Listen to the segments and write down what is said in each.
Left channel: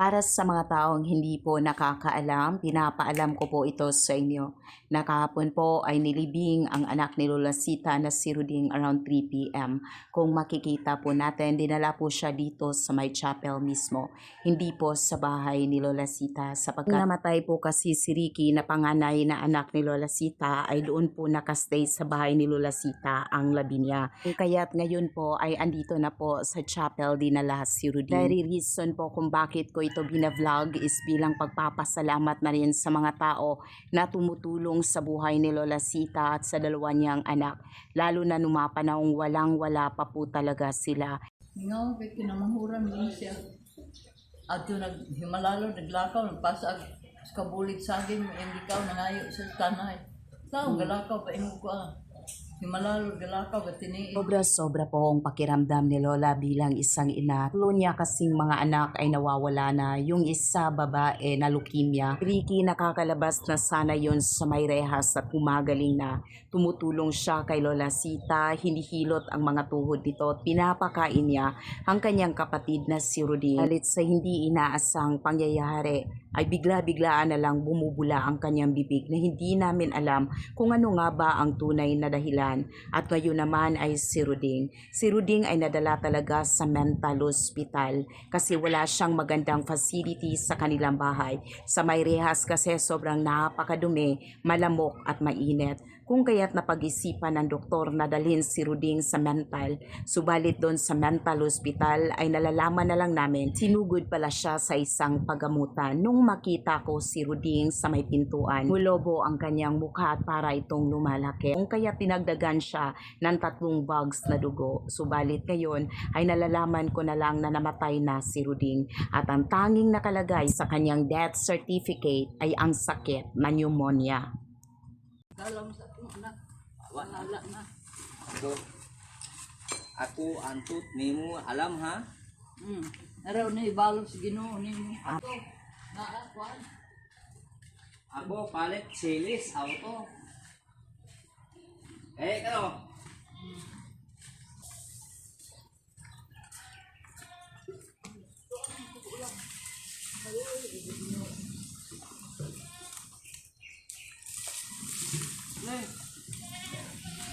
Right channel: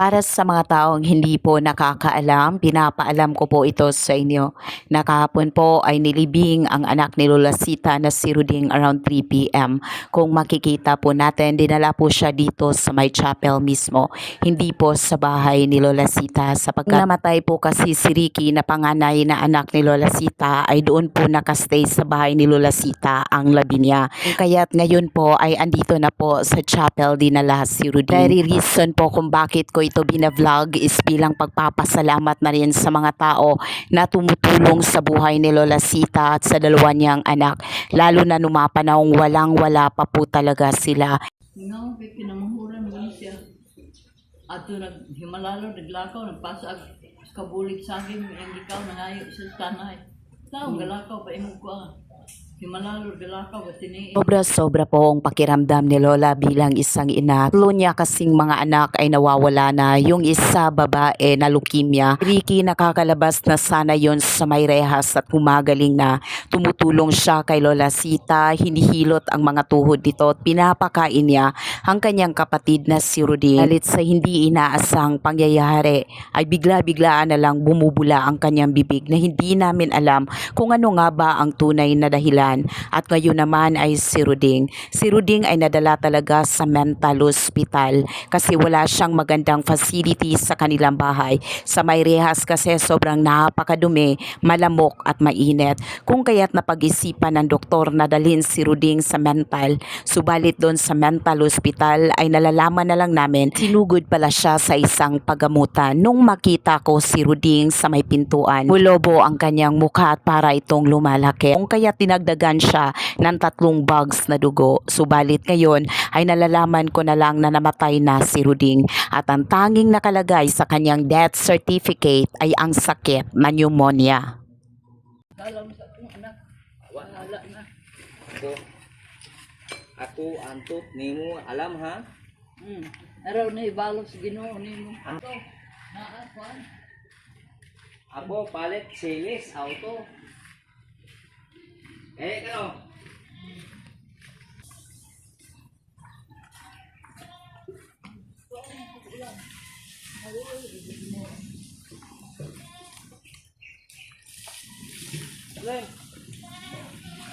Para sa mga taong hindi po nakakaalam, pinapaalam ko po ito sa inyo. Na kahapon po ay nilibing ang anak ni Lola Sita na si Ruding around 3 p.m. Kung makikita po natin, dinala po siya dito sa may chapel mismo. Hindi po sa bahay ni Lola Sita sapagkat namatay po kasi si Ricky na panganay na anak ni Lola Sita ay doon po nakastay sa bahay ni Lola Sita ang labi niya. Kaya't ngayon po ay andito na po sa chapel dinala si Ruding. Very reason po kung bakit ko ito binavlog is bilang pagpapasalamat na rin sa mga tao na tumutulong sa buhay ni Lola Sita at sa dalawa niyang anak. Lalo na numapanahong walang-wala pa po talaga sila. No, kay kinamahuran mo siya. Ato naghimalalo, naglakaw, nagpasag kabulig sa akin, hindi ka nangayo sa tanay. Tao, galakaw, paingog ko ah. Sobra-sobra po ang pakiramdam ni Lola bilang isang ina. Tulo niya kasing mga anak ay nawawala na. Yung isa babae na leukemia. Ricky nakakalabas na sana yon sa may rehas at gumagaling na. Tumutulong siya kay Lola Sita. Hinihilot ang mga tuhod nito at pinapakain niya ang kanyang kapatid na si Rudy. Halit sa hindi inaasang pangyayari ay bigla-biglaan na lang bumubula ang kanyang bibig na hindi namin alam kung ano nga ba ang tunay na dahilan. At ngayon naman ay si Ruding. Si Ruding ay nadala talaga sa mental hospital kasi wala siyang magandang facilities sa kanilang bahay. Sa may rehas kasi sobrang napakadumi, malamok at mainit. Kung kaya't napag-isipan ng doktor na dalhin si Ruding sa mental, subalit doon sa mental hospital ay nalalaman na lang namin sinugod pala siya sa isang pagamutan. Nung makita ko si Ruding sa may pintuan, mulobo ang kanyang mukha at para itong lumalaki. Kung kaya tinagdagan siya ng tatlong bags na dugo, subalit ngayon ay nalalaman ko na lang na namatay na si Ruding at ang tanging nakalagay sa kanyang death certificate ay ang sakit na pneumonia. Kala mo sa anak, wala na. Ako, ako antot nimo alam ha? Hmm. Araw na ibalo sa ginoo nimo. Ito, naa, kwan. Ako palit series auto. Eh kano? Loy.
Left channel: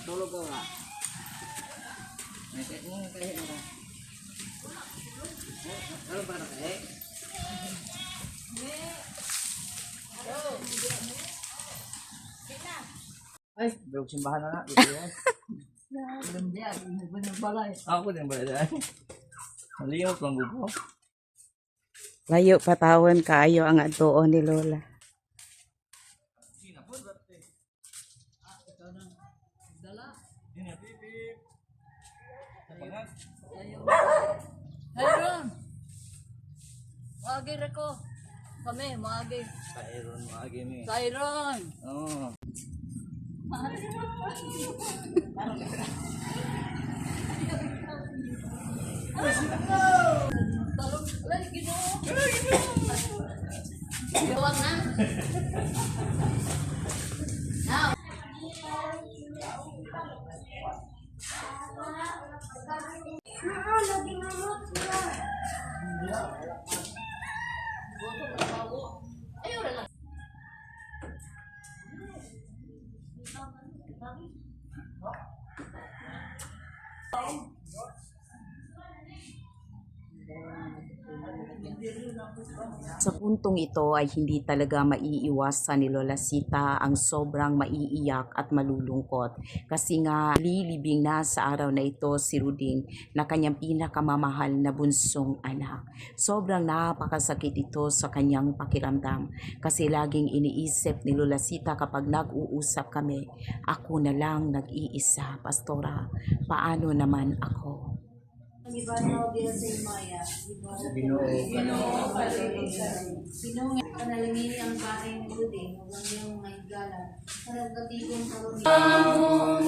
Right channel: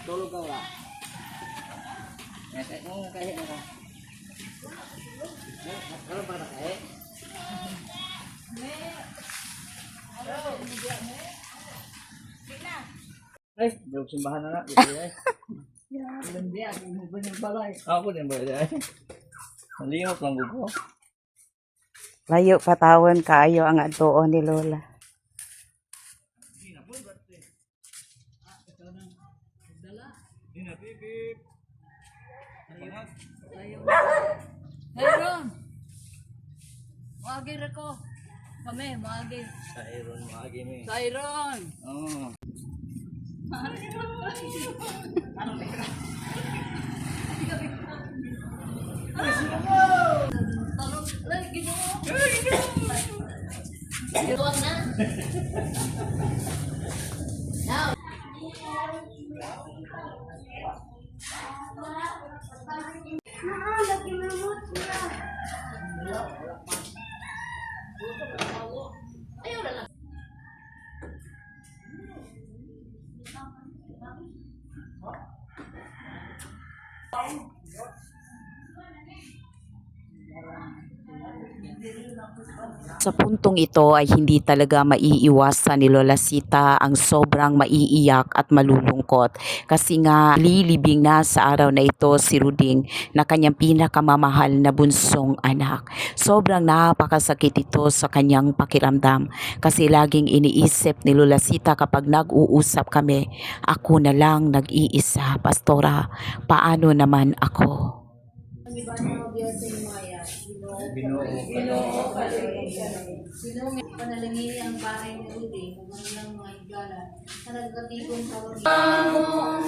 Tulog ka wala. Eh, kung kaya mo. Eh, ano ba kaya? Ay, bulog simbahan na na. Dito ay. Alam mo ba ng balay? Ako din ba ay? Maliyok lang ko. Layo patawan kaayo ang atuon ni Lola. Hayron! Maagir ako. Kami, maagir. Sa Aaron maagi mi. Sayron! Oh. Alay, ginoo! Iwag na! Sa puntong ito ay hindi talaga maiiwasan ni Lola Sita ang sobrang maiiyak at malulungkot kasi nga lilibing na sa araw na ito si Ruding na kanyang pinakamamahal na bunsong anak. Sobrang napakasakit ito sa kanyang pakiramdam kasi laging iniisip ni Lola Sita kapag nag-uusap kami, ako na lang nag-iisa, Pastora, paano naman ako? Binuo ka no. Sino nga panalangin ang bahay ng Udi, magandang mga higala, na nagkatibong karoon. Pahunay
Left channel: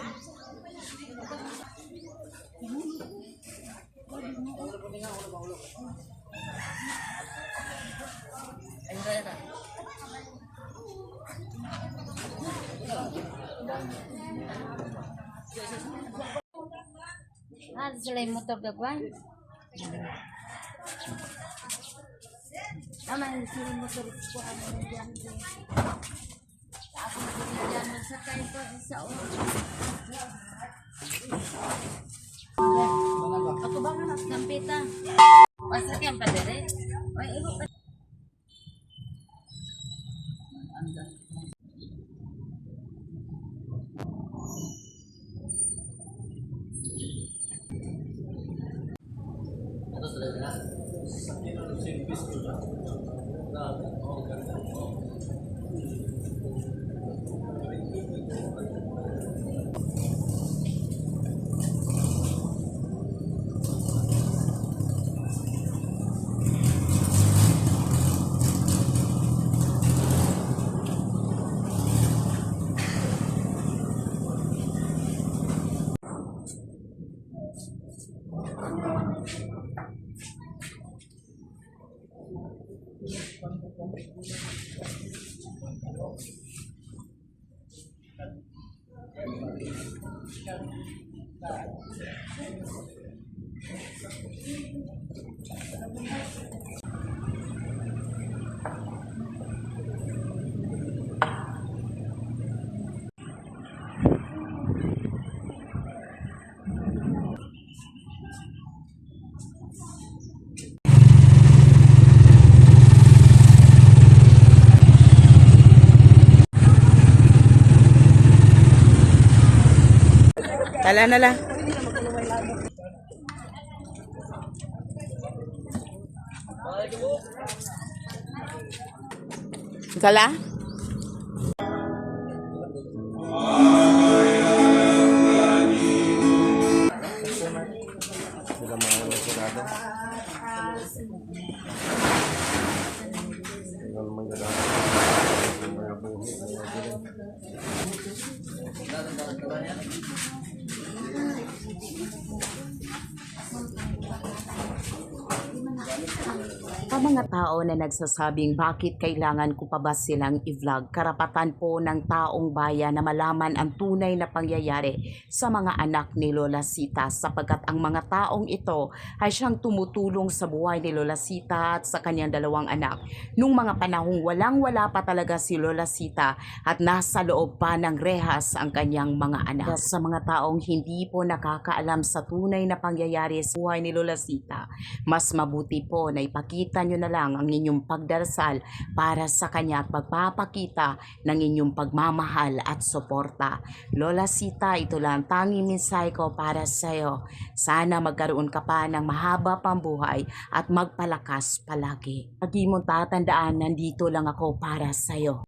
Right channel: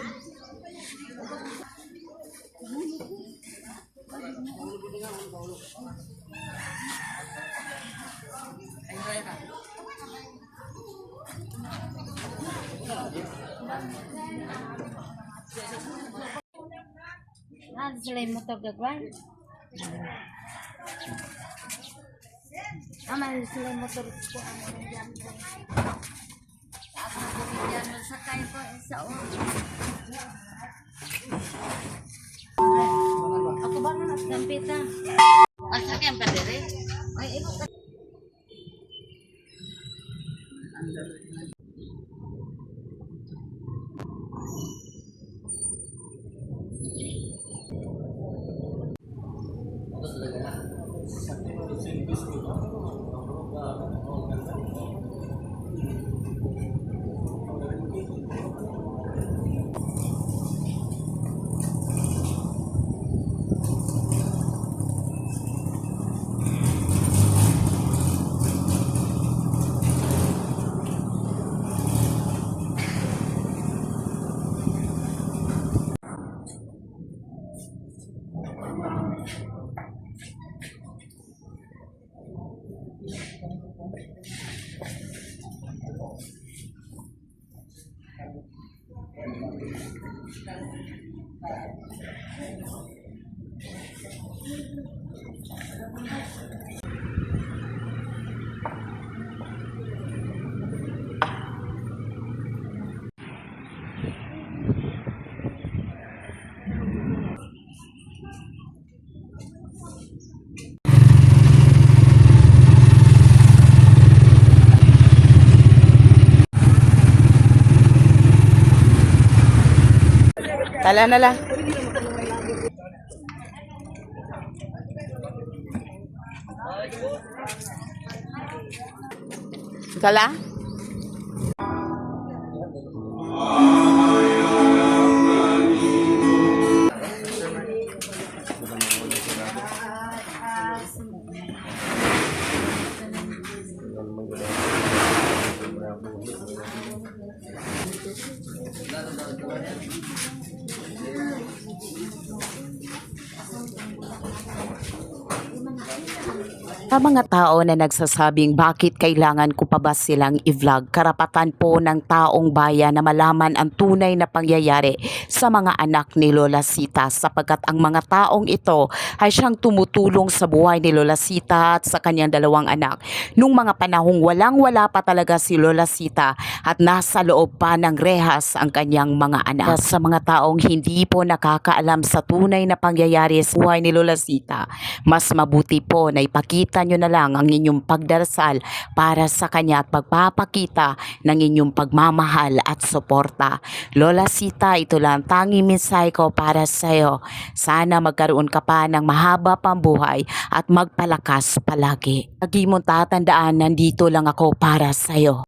sila yung motor gagawin. Tama, sila yung motor ko ang nandiyan ko. Ako nandiyan mo sa kain ko sa o. Ako ba nga gampita? Asa kaya pa dire? Oy, ibo ka. Tala na lang. Tala? Sa mga tao na nagsasabing bakit kailangan ko pa ba silang i-vlog, karapatan po ng taong bayan na malaman ang tunay na pangyayari sa mga anak ni Lola Sita sapagkat ang mga taong ito ay siyang tumutulong sa buhay ni Lola Sita at sa kanyang dalawang anak. Nung mga panahong walang-wala pa talaga si Lola Sita at nasa loob pa ng rehas ang kanyang mga anak. Sa mga taong hindi po nakakaalam sa tunay na pangyayari sa buhay ni Lola Sita, mas mabuti po na ipakita nyo na lang ang inyong pagdarasal para sa kanya at pagpapakita ng inyong pagmamahal at suporta. Lola Sita, ito lang ang tanging mensahe ko para sa iyo. Sana magkaroon ka pa ng mahaba pang buhay at magpalakas palagi. Lagi mong tatandaan, nandito lang ako para sa iyo.